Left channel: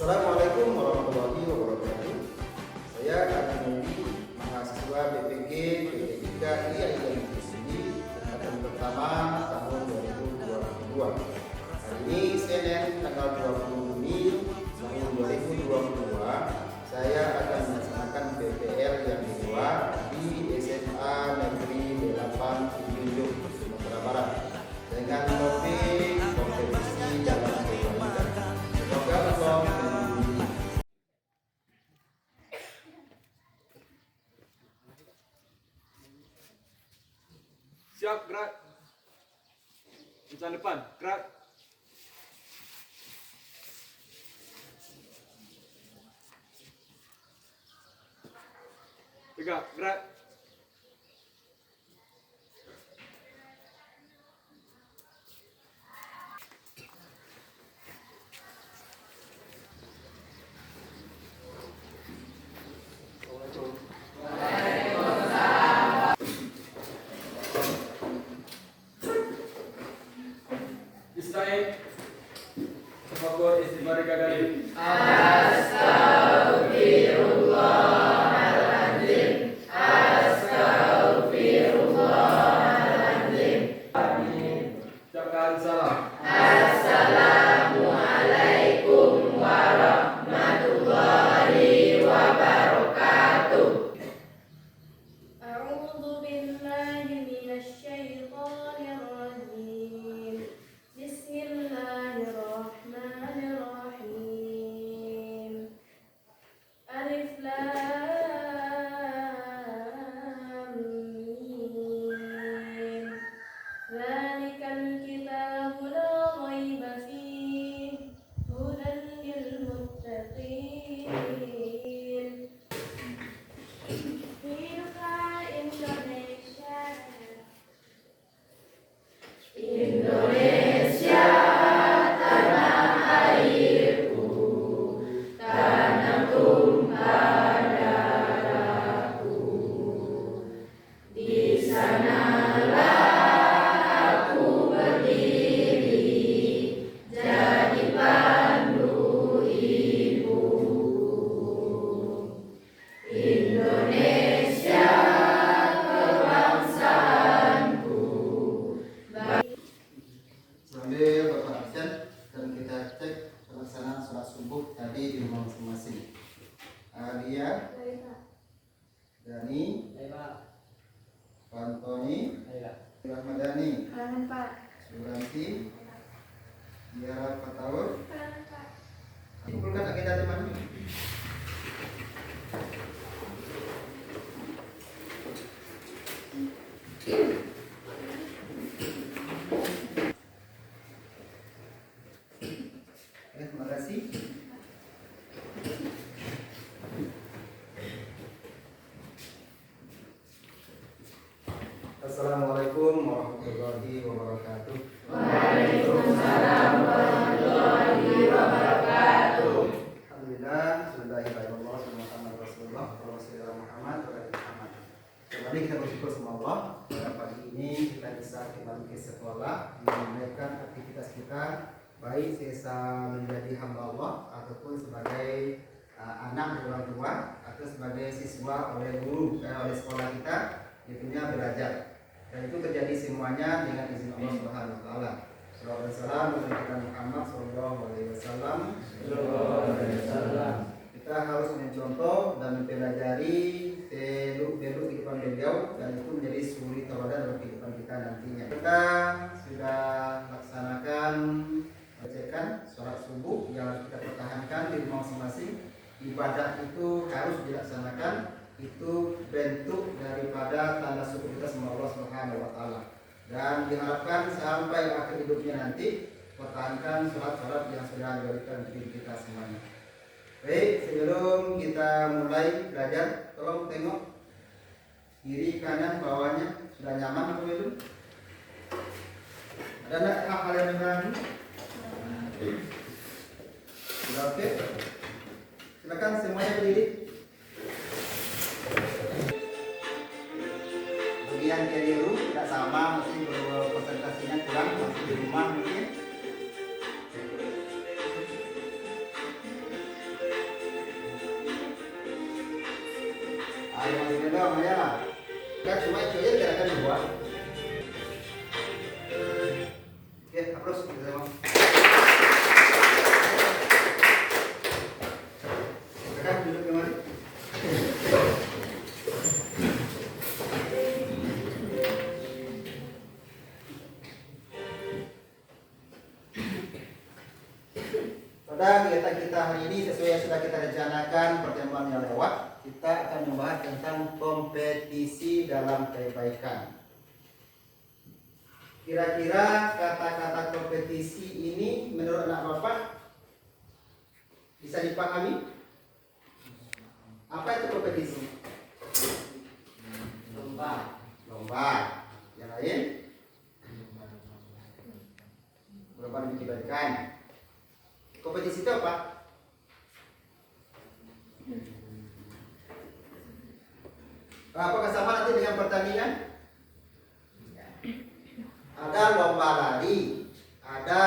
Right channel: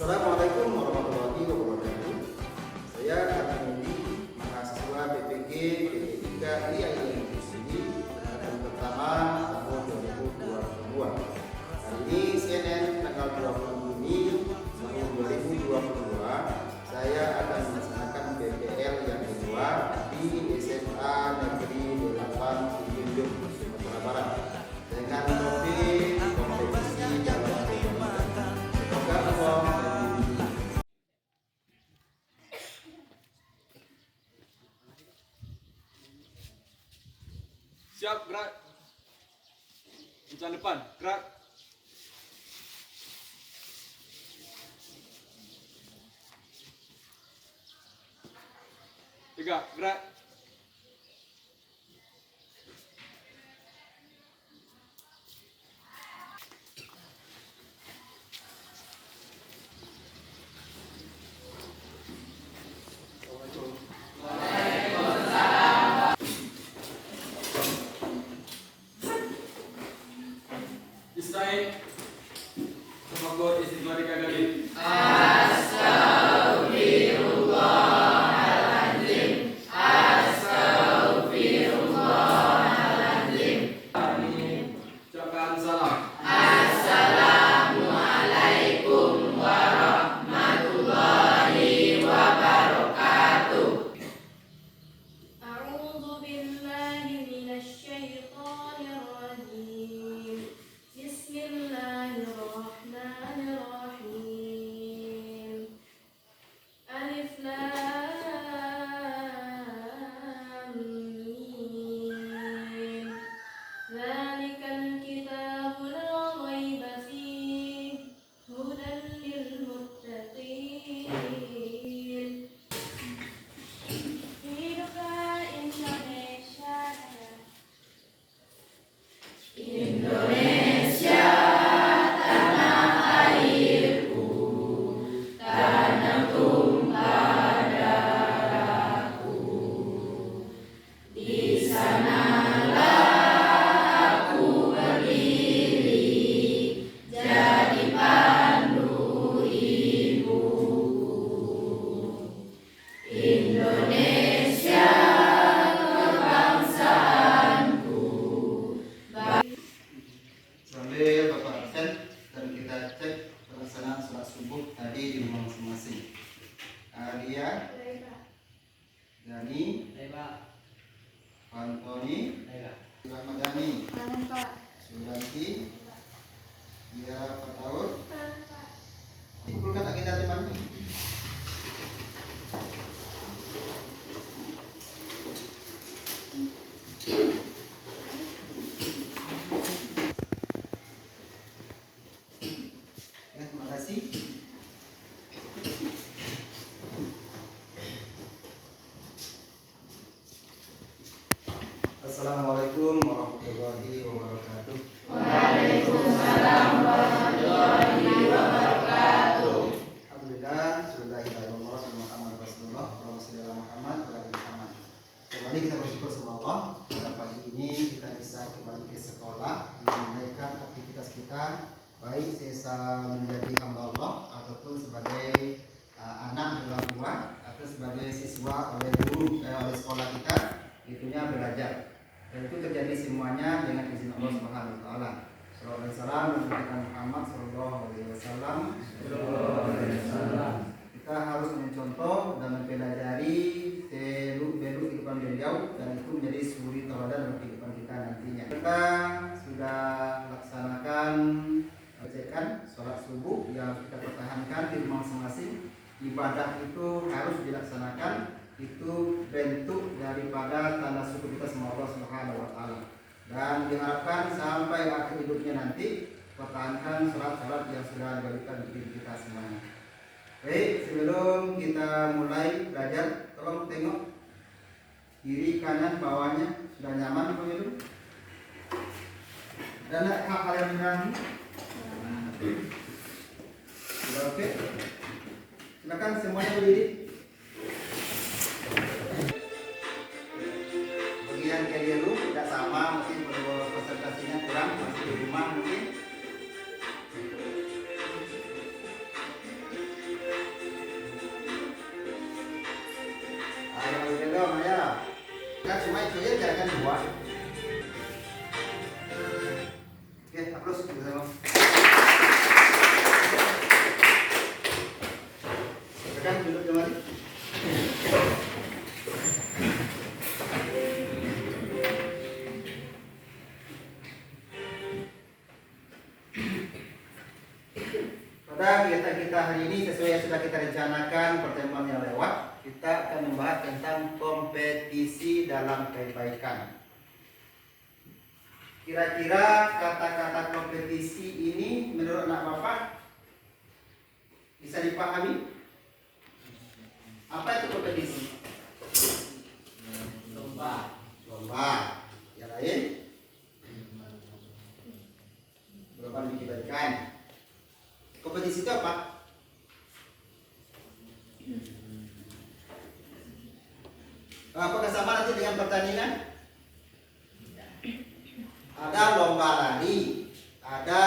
Assalamualaikum warahmatullahi wabarakatuh. Saya Adi Mugi, mahasiswa BPG PTIK IAIN di sini angkatan pertama tahun 2022. Hari ini Senin tanggal 20 Juni tahun 2022. Saya akan melaksanakan PPL yang kedua di SMA Negeri 8 Tunjung, Sumatera Barat dengan topik kompetisi dalam kebudayaan. Semoga Allah membimbing. Siap, gerak. Incan depan, gerak. Tiga, gerak. Istai, semoga istighfar kali. Astagfirullahaladzim, astagfirullahaladzim. Ucapkan salam. Assalamualaikum warahmatullahi wabarakatuh. A'udzu billahi minasy syaithanir rajim. Bismillahirrahmanirrahim. Alif lam mim. Dzalikal kitabu la raiba fihi hudan lil muttaqin. Hiduplah Indonesia. Indonesia, tanah airku, tanah tumpah darahku. Di sanalah aku berdiri, jadi pandu ibuku. Indonesia, kebangsaanku. Sambil Bapak absen dan kita cek pelaksanaan sholat subuh tadi di rumah masing-masing. Alia, Dani, Antoni, Ramadhani, Suranti, Biara Fatahur. Kumpulkan agenda temannya. Terima kasih. Assalamualaikum warahmatullahi wabarakatuh. Waalaikumsalam warahmatullahi wabarakatuh. Alhamdulillah, Bismillahirrahmanirrahim. Muhammad Rasulullah, Rasulullah Muhammad, Muhammad. Kembali kita bersyukur sama Allah. Pada pagi ini kita bisa kembali ke sekolah, menunaikan aktivitas kita, baik sisa menjadi hamba Allah ataupun sebagai anak orang tua atau sebagai siswa oleh guru oleh sekolah kita, itunya belajar. Dan itu terjadi semuanya dengan izin Allah Subhanahu wa taala. Sallallahu alaihi wasallam Muhammad sallallahu alaihi wasallam. Kita harus mencontoh dan mempelajari belu kehidupan beliau dan itu menjadi suri tauladan dalam kehidupan kita nantinya. Kita sudah laksanakan sholat subuh yang harus kita pertahankan di rumah masing-masing. Ibadah itu harus dilaksanakan, itu bentuk daripada tanda syukur kita sama Allah Subhanahu wa taala. Dan diharapkan sampai akhir hidupnya nanti pertahankan sholat-sholat yang sudah diberikan di kita semuanya. Baik, sebelum kita mulai belajar, tolong tengok kiri kanan bawahnya sudah nyaman atau belum? Ada enggak hal-hal yang mengganggu? Sudah oke? Silakan semuanya berdiri. Bagian keliru tidak sama, mungkin presentasinya kurang, masih di rumah mungkin. Terus kita tengok. Silakan duduk kembali. Pada kegiatan kita hari ini sesuai yang sudah kita rencanakan pertemuan yang lewat, kita akan membahas tentang kompetisi dalam kebaikan. Kira-kira kata-kata kompetisi ini menurut anak bapak bisa dipahami? Apa itu kompetisi? Lomba. Lomba. Yang lain? Lomba demi kebaikan. Kompetisi itu apa? Apakah sama nanti dengan pertandingan? Ada lomba lari, ada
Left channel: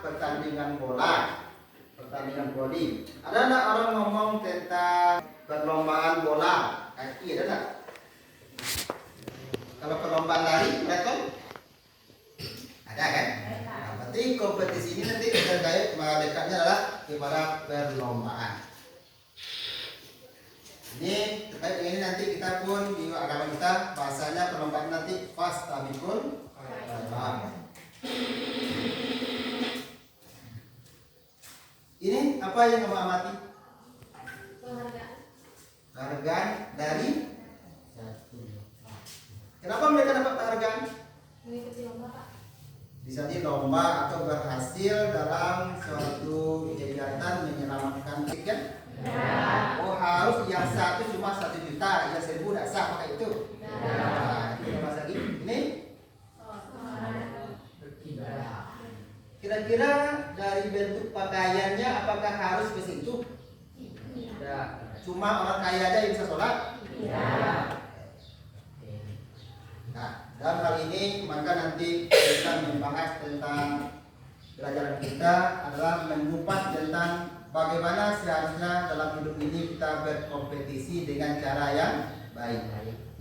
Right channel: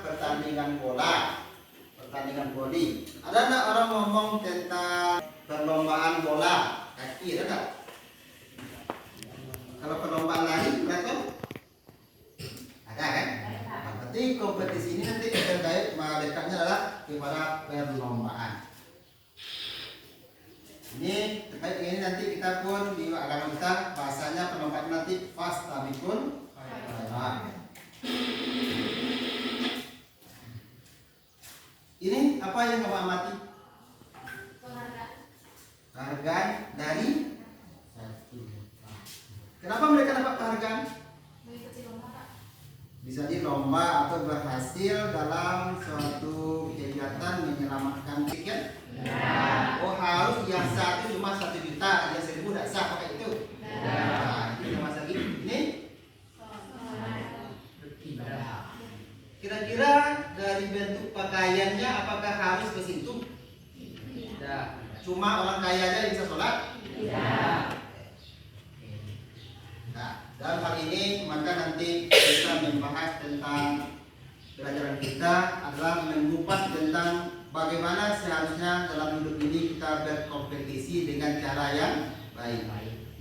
pertandingan bola, pertandingan voli. Ada nggak orang ngomong tentang perlombaan bola kaki, ada nggak? Kalau perlombaan lari, ada kan? Ada kan? Nah, berarti kompetisi ini nanti terkait dekatnya adalah kepada perlombaan. Ini terkait dengan ini nanti kita pun di agama kita bahasanya perlombaan nanti fastabikul khairat. Ini apa yang kamu amati? Penghargaan dari kenapa mereka dapat penghargaan? Mengikuti lomba, Pak. Bisa di lomba atau berhasil dalam suatu kegiatan menyelamatkan tiket. Oh harus yang satu cuma 1 juta, yang 1000 tidak sah pakai itu. Nah, ini mas lagi. Ini kira-kira dari bentuk pakaiannya apakah harus ke situ? Ya. Cuma orang kaya aja yang bisa sholat? Nah, dalam hal ini maka nanti kita membahas tentang pelajaran kita adalah mengupas tentang bagaimana seharusnya dalam hidup ini kita berkompetisi dengan cara yang baik.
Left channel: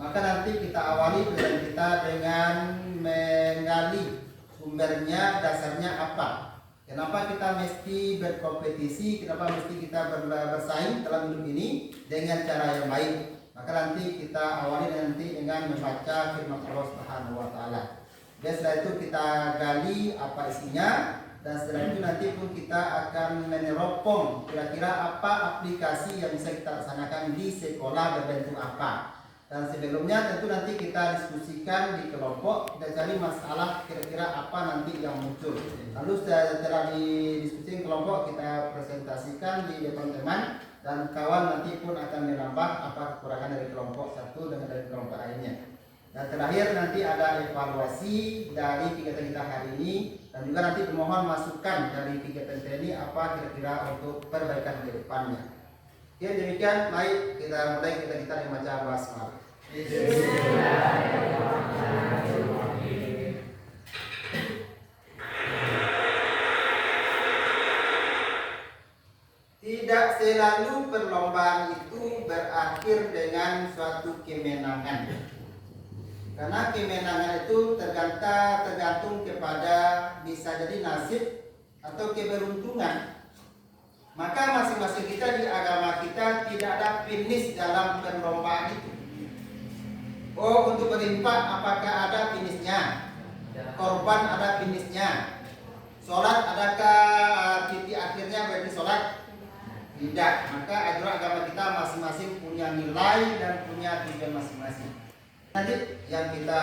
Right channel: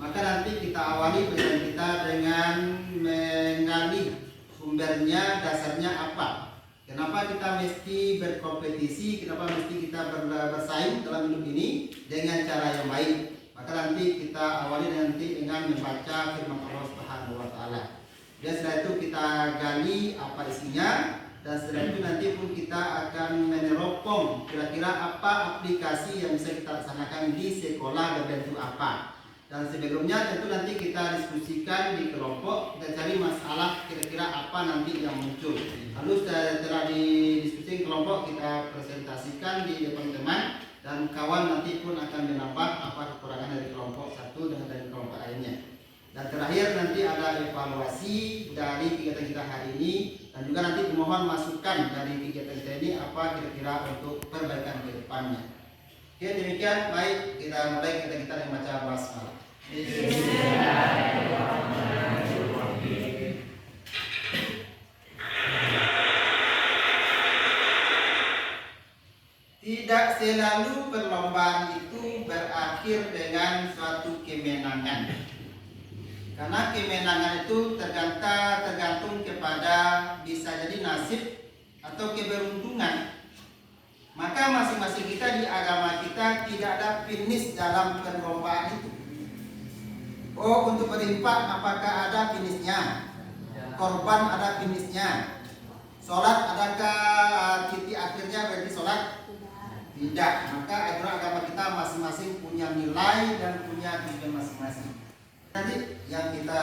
Maka nanti kita awali pelajaran kita dengan menggali sumbernya, dasarnya apa. Kenapa kita mesti berkompetisi, kenapa mesti kita bersaing dalam hidup ini dengan cara yang baik. Maka nanti kita awali nanti dengan membaca firman Allah Subhanahu wa taala. Dan setelah itu kita gali apa isinya. Dan setelah itu nanti pun kita akan meneropong kira-kira apa aplikasi yang bisa kita laksanakan di sekolah berbentuk apa. Dan sebelumnya tentu nanti kita diskusikan di kelompok, kita cari masalah kira-kira apa nanti yang muncul. Lalu setelah didiskusikan kelompok kita presentasikan di depan teman dan kawan nanti pun akan menambah apa kekurangan dari kelompok satu dengan dari kelompok lainnya. Dan terakhir nanti ada evaluasi dari kegiatan kita hari ini dan juga nanti pemohon masukan dari kegiatan kita ini apa kira-kira untuk perbaikan ke depannya. Oke demikian, baik kita mulai kita membaca basmalah. Tidak selalu perlombaan itu berakhir dengan suatu kemenangan. Karena kemenangan itu tergantung kepada bisa jadi nasib atau keberuntungan. Maka masing-masing kita di agama kita tidak ada finish dalam perlombaan itu. Oh untuk berinfak apakah ada finishnya? Korban ada finishnya? Sholat adakah titik akhirnya berarti sholat? Tidak. Maka aturan agama kita masing-masing punya nilai dan punya tujuan masing-masing. Nanti yang kita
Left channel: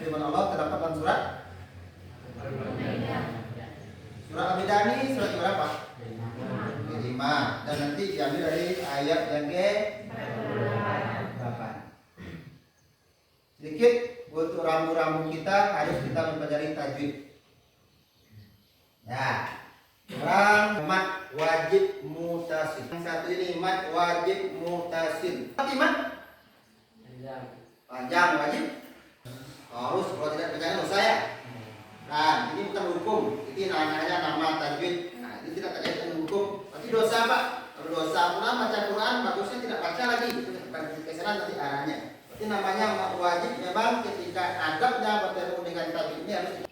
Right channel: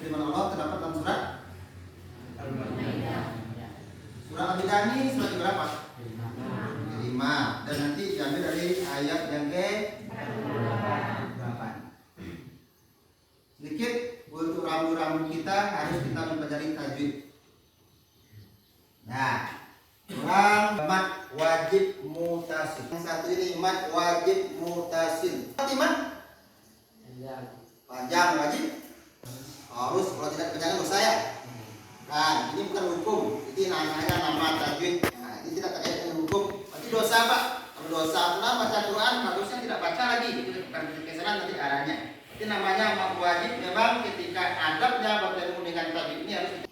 firman Allah terdapat dalam surat Al-Bidani surat berapa? 5. Dan nanti diambil dari ayat yang ke-8. Sedikit untuk rambu-rambu kita harus kita mempelajari tajwid. Nah, orang mat wajib mutasil. Yang satu ini mat wajib mutasil. Mat panjang wajib harus, kalau tidak panjang dosa ya. Nah, ini bukan hukum. Ini namanya nama tajwid. Nah, itu tidak terkait dengan hukum. Berarti dosa Pak. Kalau dosa pula baca Quran, bagusnya tidak baca lagi. Itu bukan kesalahan nanti arahnya. Berarti namanya mat wajib memang ketika adabnya bertemu dengan tajwid ini harus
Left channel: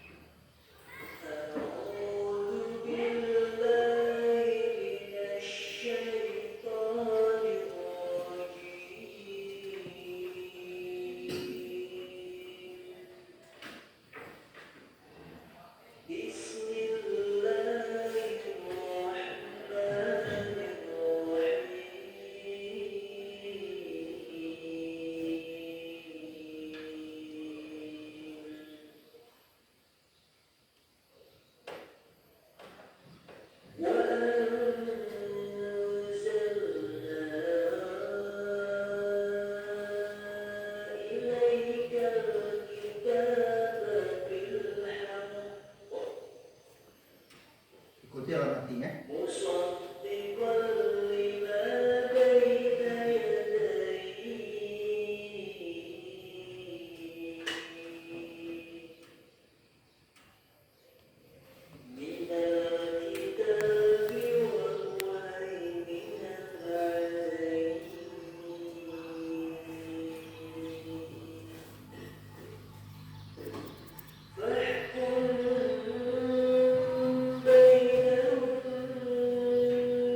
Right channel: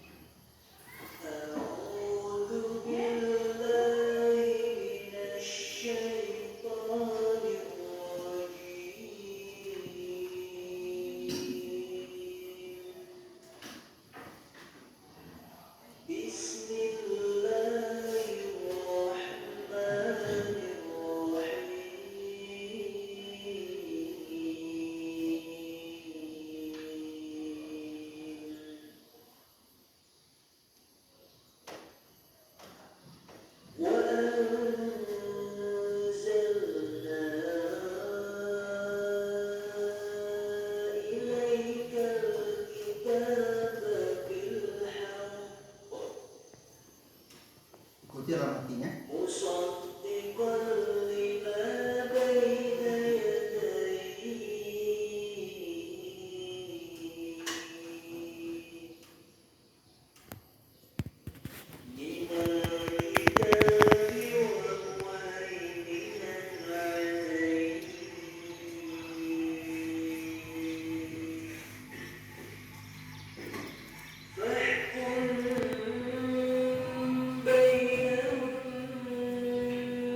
Kunci dalam artinya.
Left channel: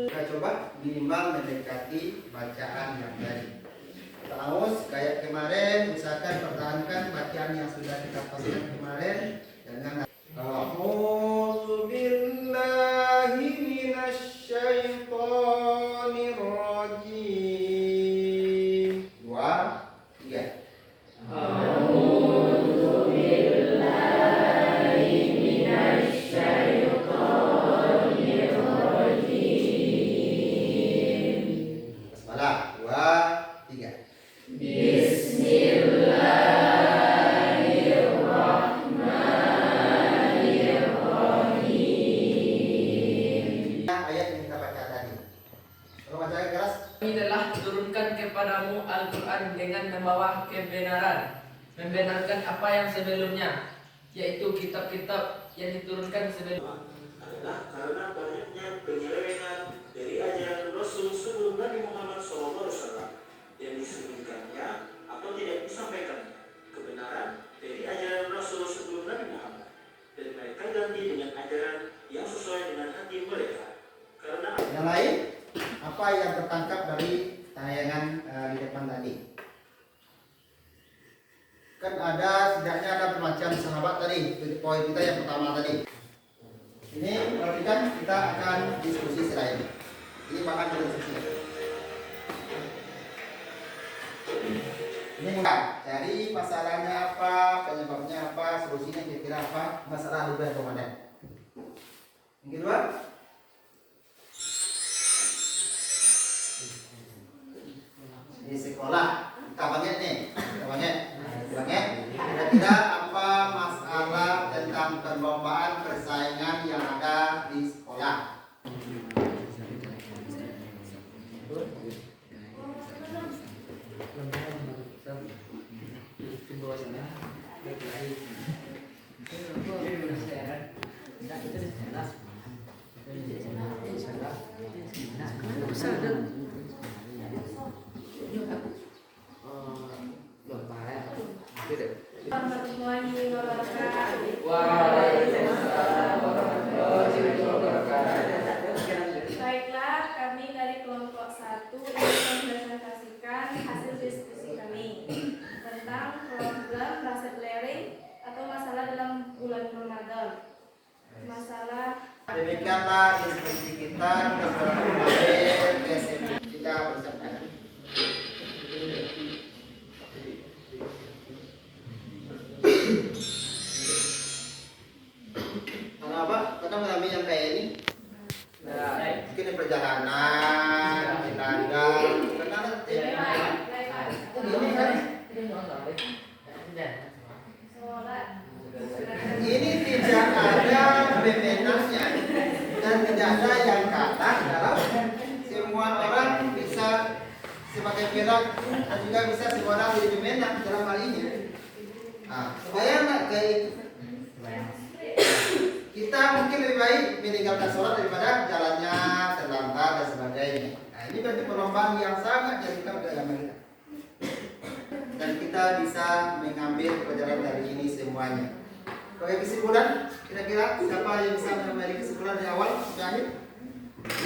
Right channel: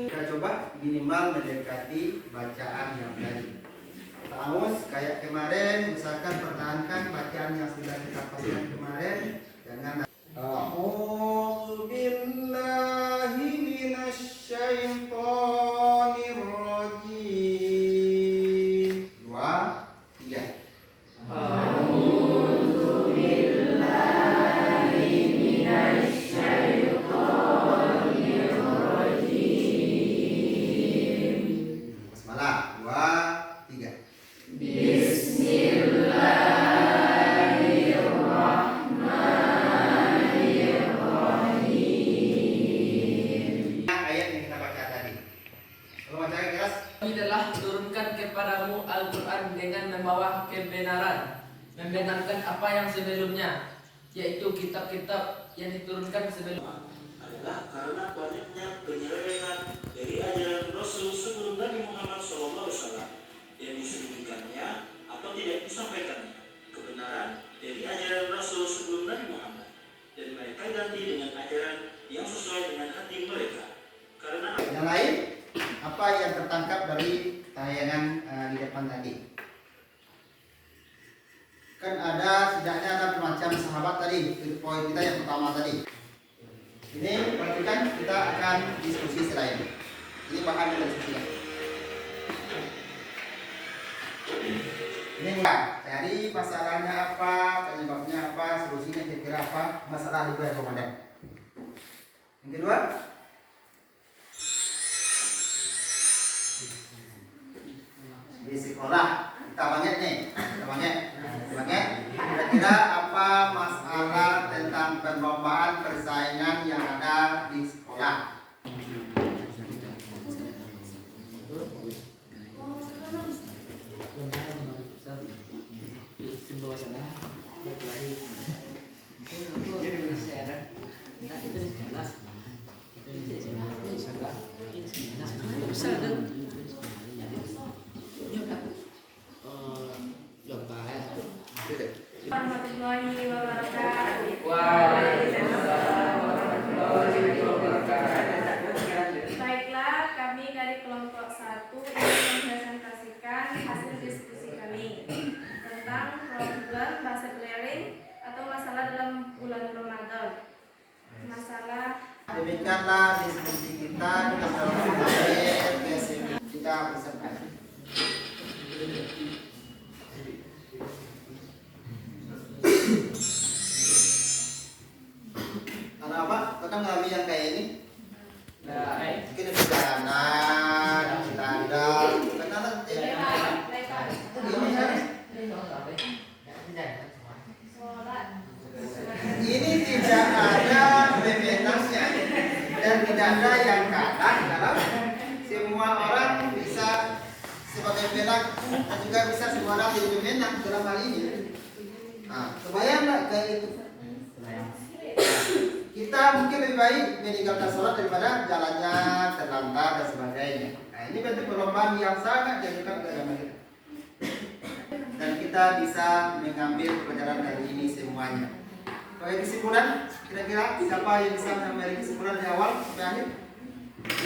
Kita coba minimal mendekati bacaan yang tadi. Terus kayak kemarin, misalkan pertahankan bacaan yang sudah kita pasang kemarin dengan A'udzu billahi minasyaitonir rajim. 2, 3. Basmalah. 2, 3. Ayat yang kita baca tadi. Kalau bacanya keras, Kami telah turunkan kepadamu Al-Quran dengan membawa kebenaran, membenarkan apa yang sebelumnya, yaitu kitab-kitab yang diturunkan sebelumnya. Adalah karena banyaknya penyelewengan dari ajaran Rasul sebelum Nabi Muhammad SAW yang disembunyikannya atau tidak disampaikan kebenaran dari ajaran Rasul sebelum Nabi Muhammad, dan mereka ganti dengan ajaran yang sesuai dengan hati mereka. Karena yang lain apa yang tertangkap dari tayangan di depan tadi? Kan ada setidaknya ada macam sahabat tadi, itu poin kita yang pertama tadi. Ini perhatikan, kita akan diskusi selain ini bahan diskusi. Ini mulai dari masalahnya apa, penyebabnya apa, solusinya kira-kira apa, masalah juga yang komandan. Yang kedua, di sekolah kita banyak nih, banyak. Kira-kira apa masalah tentang perlombaan persaingan yang ada di sekolah? Warahmatullahi wabarakatuh. Baiklah, kami dari kelompok 1 ingin mempresentasikan hasil diskusi kami tentang problem basic learning atau masalah dalam bulan Ramadan. Masalah Demikianlah diskusi kita kita bersama. Karena apa? Kita mengalami yang kayak ini. Mungkin ada perjalanan, tanda, karena ini tidak ada bebenasnya dan tidak ada yang kalah dalam semua orang bisa sebagai perak dan juga bisa semua orang jadi pemenang dalam hal ini. Nah, kebayang nggak kayak itu? Kita mungkin lebih baik meninggalkan sholat daripada jalannya terlantar dan sebagainya. Nah, ini berarti perlombaan yang sangat diajukan ke agama kita. Dan kita bisa mengambil pelajaran dari ini semuanya. Sebagai kesimpulan, kira-kira siapa yang bisa mengambil kesimpulan di awal sampai akhir?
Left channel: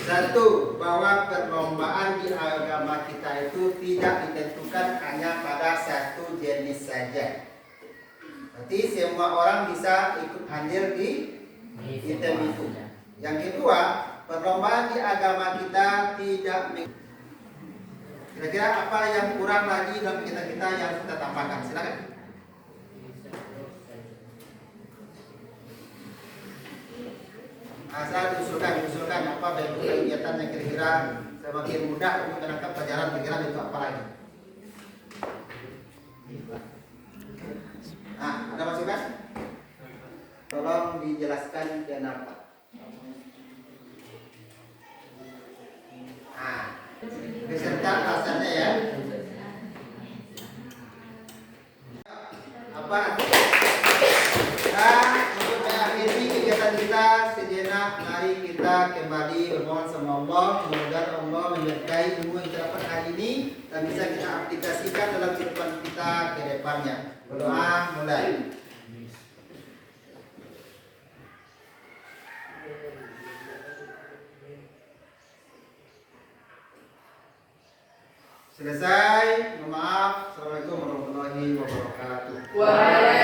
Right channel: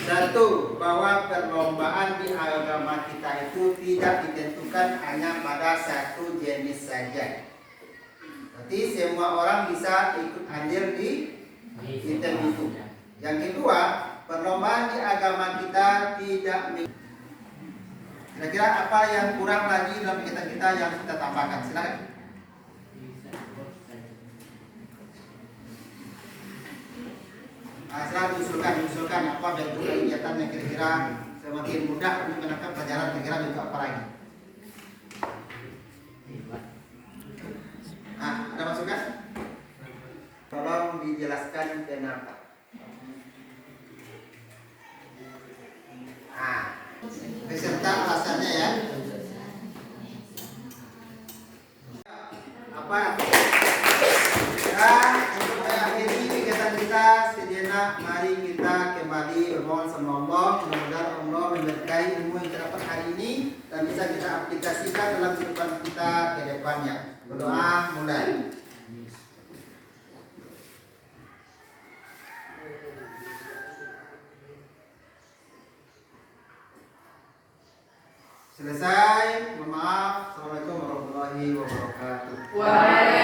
Satu, bahwa perlombaan di agama kita itu tidak ditentukan hanya pada satu jenis saja. Berarti semua orang bisa ikut hadir di event itu. Yang kedua, perlombaan di agama kita tidak. Kira-kira apa yang kurang lagi dalam kita yang kita tambahkan? Silakan. Asal diusulkan apa bentuk kegiatan yang kira-kira semakin mudah untuk menangkap pelajaran, kira-kira bentuk apa lagi? Nah, ada masukan? Tolong dijelaskan kenapa. mari kita kembali bermohon sama Allah. Mudah-mudahan Allah menyertai ilmu yang kita dapat hari ini dan bisa kita aplikasikan dalam kehidupan kita ke depannya. Berdoa mulai. Selesai. Mohon maaf. Assalamualaikum warahmatullahi wabarakatuh. Waalaikumsalam.